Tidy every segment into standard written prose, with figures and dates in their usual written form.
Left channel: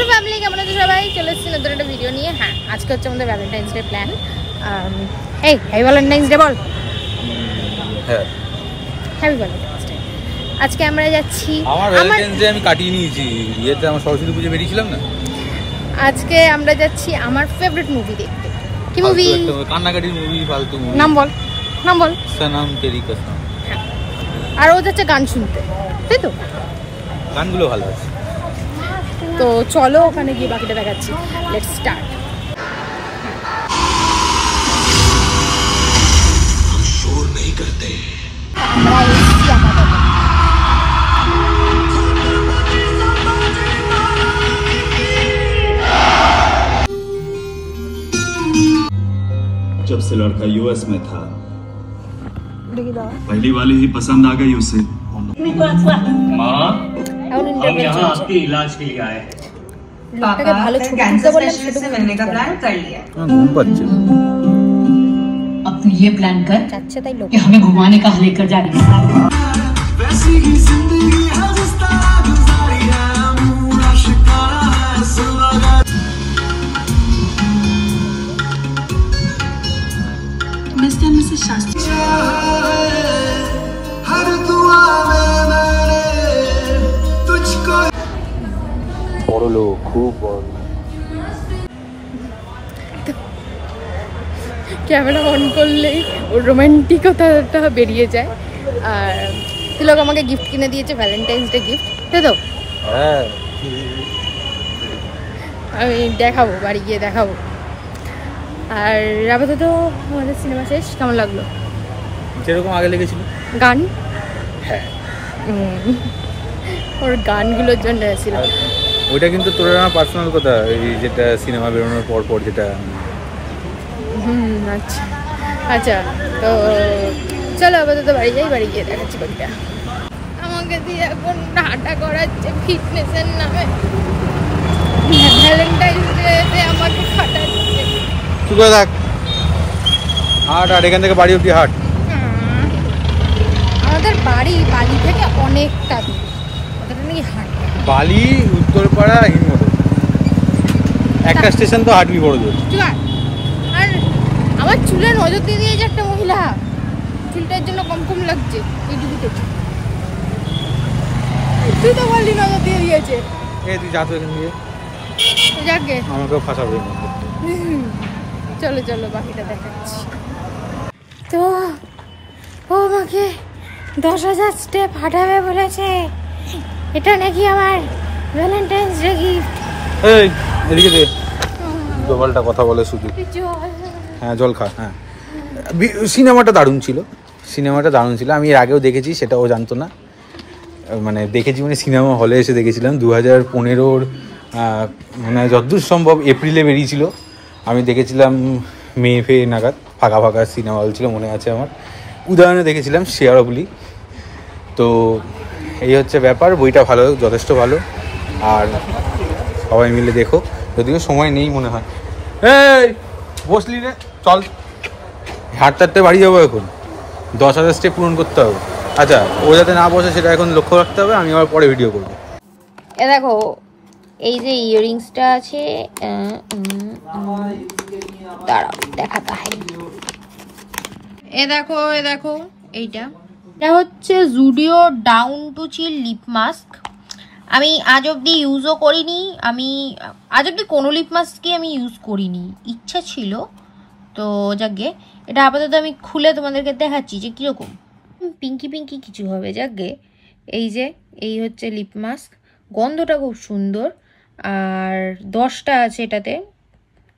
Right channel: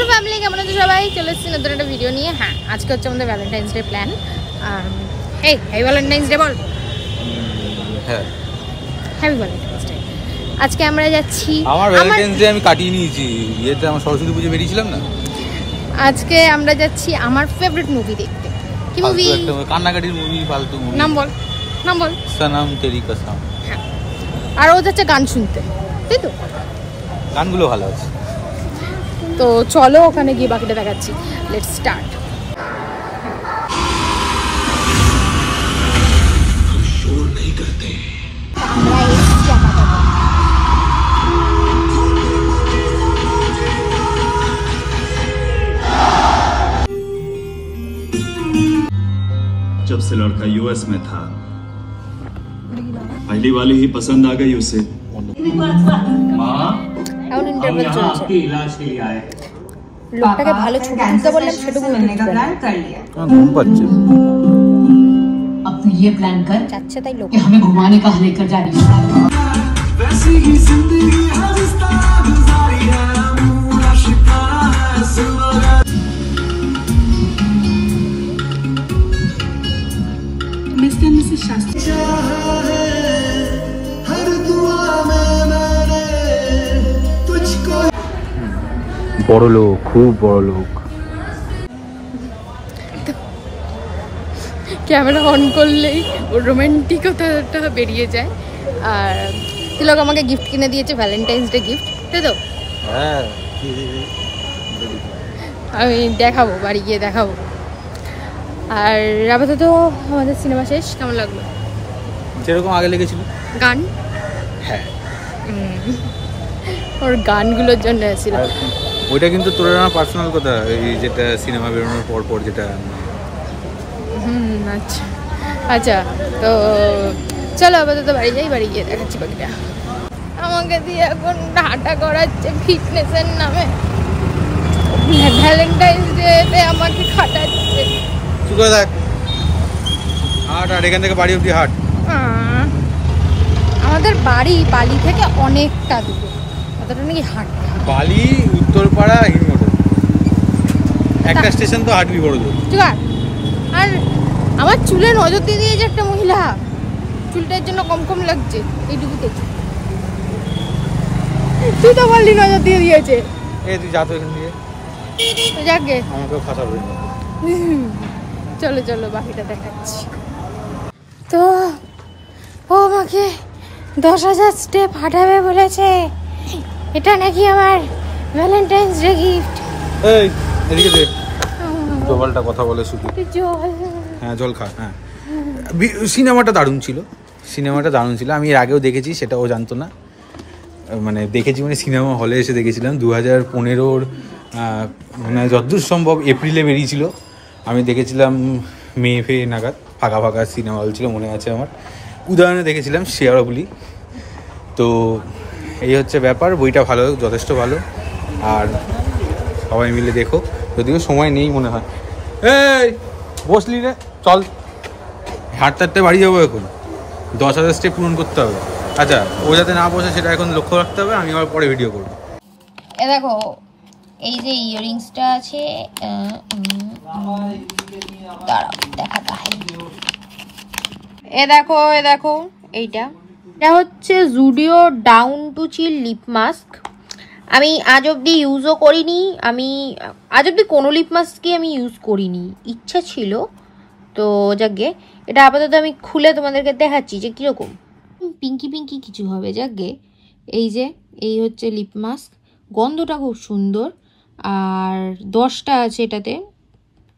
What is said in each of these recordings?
Full family কেমন আছে সবাই? চলে এসেছি নতুন একটা ভিডিও নিয়ে। হ্যাঁ, আজকে হচ্ছে আমাদের ভ্যালেন্টাইন্স ডে প্ল্যান। এই হ্যাপি ভ্যালেন্টাইন্স ডে বল। হ্যাঁ, হ্যাপি ভ্যালেন্টাইন্স ডে। আজকে আমরা যাচ্ছি, আমার ভ্যালেন্টাইন্স ডে আমি কাটিয়ে নিয়েছি। ইয়েতে আমার সরস্বতী পুজো বেরিয়েছিলাম না, আজকে আমরা যাচ্ছি আমার ফেভারিট মুভি দেখতে। কি মুভি? কান্নাকাটির মুভি, ফালতু মুভি। নাম বল, নাম বল। সনম তেরি কসম। হ্যাঁ, আর ও যাচ্ছে গান শুনতে, তাই তো? গানগুলো ভালো আছে। তো চলো ওখানে গিয়ে বাকিটা দেখাচ্ছি। Let's start. আমরা এসেছি আপাতত। जब से लड़का यूएस में था, पहली वाली ही पसंद आ गई उसे। माँ, हम यहाँ आपके इलाज के लिए आए हैं। लोगों भालो छुट्टी का बोलना छुट्टी करने का प्लान कर लिया। घूम बच्चे। अब तो ये प्लान कर अच्छा ताई लोग कि हमें घुमाने का लेकर जा रही है। वैसी ही जिंदगी है जिसका गुजारी है, पूरा शिकारा है सुलगा। मिस्टर मिसेस शास्त्री हर दुआ में मैंने तुझको। বড় লোক, খুব বড় লোক। ক্যামেরা অন করলেই ওর রোমান্টিকতাটা বেরিয়ে যায়। আর তিলক আমাকে গিফট কিনে দিয়েছে, ভ্যালেন্টাইন্স ডে গিফট, তাই তো? হ্যাঁ, আমি দেখাবো, বাড়ি গিয়ে দেখাবো। আর আপাতত আমাদের সিনেমা শেষ। কেমন লাগলো? যেরকম আগে লেগেছিল। গান? হ্যাঁ, ওর গানগুলোর জন্য এসেছিলাম। ওইটা কিন্তু তোর আমার পার্সোনাল কথা, এই যেটা সিনেমা বেরোনোর পর পর যেটা। আচ্ছা আচ্ছা, তো চলো আপাতত বাড়ি যাই, বাড়ি গিয়ে দেখাচ্ছি বাকিটা। আমাকে দিয়ে এখন হাঁটা করাচ্ছে ফিটনেসের নামে, ভ্যালেন্টাইন্স ডেতে আমাকে খাটাচ্ছে। তুই কোথায় থাক, হাট আর এখান থেকে বাড়ি অব্দি হাট। আমাদের বাড়ি বালি থেকে অনেকটা দূরে, কতটা নাকি হাট? বালি, উত্তরপাড়া, হিমমোটর, একটা স্টেশন তো হাঁটবি বড় জোর। আর আমার চুলে নজর দিয়ে দিয়েছে একটা মহিলা, চুলটার জন্য কম কম লাগছে এইটুকুতে। তুই তো বললি নজর দিয়ে দিয়েছে। তুই যা তো এখান দিয়ে, যাকে আমাকে ফাঁসাবো। চলো চলো বাকিটা দেখাচ্ছি। তো ও আমাকে 10,000 স্টেপ হাঁটাবে বলেছে। এটা নাকি আমার ভ্যালেন্টাইন্স ডে গিফট। এই এদিকে দে, গোপালটা কথা বলে শুধু। হ্যাঁ, জল খা। হ্যাঁ, সিনেমাটা দারুণ ছিল, সিনেমাটা দারুণ ছিল। আমি এর আগেও দেখেছি, সেটা ও জানতো না। মানে দেখেছি, মানে সিনেমা হলে এসে দেখেছিলাম 2015-র মানে যতদূর সম্ভব এপ্রিলে বেরিয়েছিল। আমি দেখেছিলাম মে নাগাদ, ফাঁকা ফাঁকা সিনেমা হল ছিল, মনে আছে আমার। উদাহরণে দেখেছিলাম শেয়ারবলি। তো এই হচ্ছে ব্যাপার। বইটা ভালো, যথেষ্ট ভালো। আর সবাই মিলে দেখো, যদিও সময় নেই মনে হয়। এই বসলি রে, চল হাঁটতে বাড়ি যাবো এখন। 10,000 স্টেপ পূরণ করতে হবে। আচ্ছা, ও যাতে না বসে সেটা এখন লক্ষ্য রাখতে হবে। আমি আবার পরে ভিডিও করবো। এ দেখো, এই যে ইয়াররিংসটা আছে, দাঁড়াও দেখাতে হয়। এ দেখো, এ দেখো, এইটা হচ্ছে Zudio down to chill lip mask. আমি আজ অব্দি ইউজও করিনি, আমি আজ অব্দি কোনো লিপ মাস্কই আমি ইউজ করিনি, ইচ্ছা ছিল। তো যাকে এটা আপাতত আমি খুলে তোমাদেরকে দেখাচ্ছি যে কীরকম পিঙ্কি পিঙ্কি কিছু হবে। যাকে এই যে এই হচ্ছে লিপ মাস্ক, গন্ধটা খুব সুন্দর। আর 10টা আছে এটাতে,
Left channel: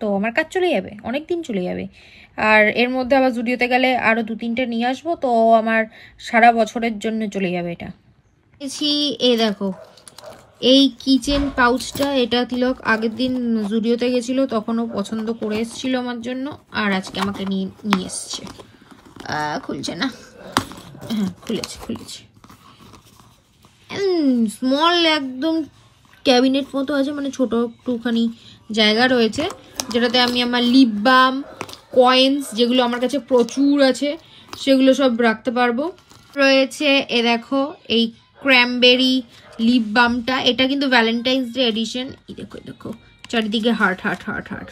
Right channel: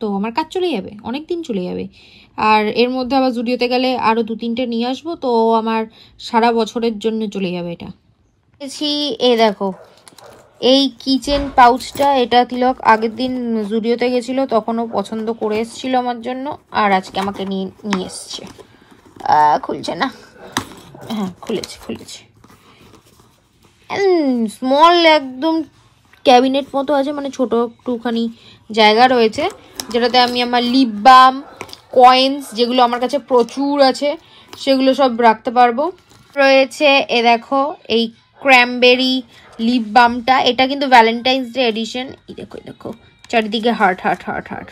তো আমার কাজ চলে যাবে, অনেক দিন চলে যাবে। আর এর মধ্যে আবার জুডিওতে গেলে আরও 2-3টে নিয়ে আসবো, তো আমার সারা বছরের জন্য চলে যাবে এটা। এই দেখো এই কিচেন পাউচটা, এটা তিলক আগের দিন জুডিওতে গেছিল, তখনও পছন্দ করে এসেছিল আমার জন্য, আর আজকে আমাকে নিয়ে এসছে। খুলছে না, হ্যাঁ খুলেছে। স্মল একদম ক্যাবিনেট মতো আছে, মানে ছোট একটুখানি জায়গা রয়েছে, যেটাতে আমি আমার লিপ বাম, কয়েন্স, যেগুলো আমার কাছে প্রচুর আছে, সেগুলো সব রাখতে পারবো। রয়েছে এ দেখো এই ক্র্যামবেরি লিপ বামটা, এটা কিন্তু ভ্যালেন্টাইন্স ডে এডিশন। এই দেখো, দেখো চারিদিকে হার্ট হার্ট হার্ট হার্ট।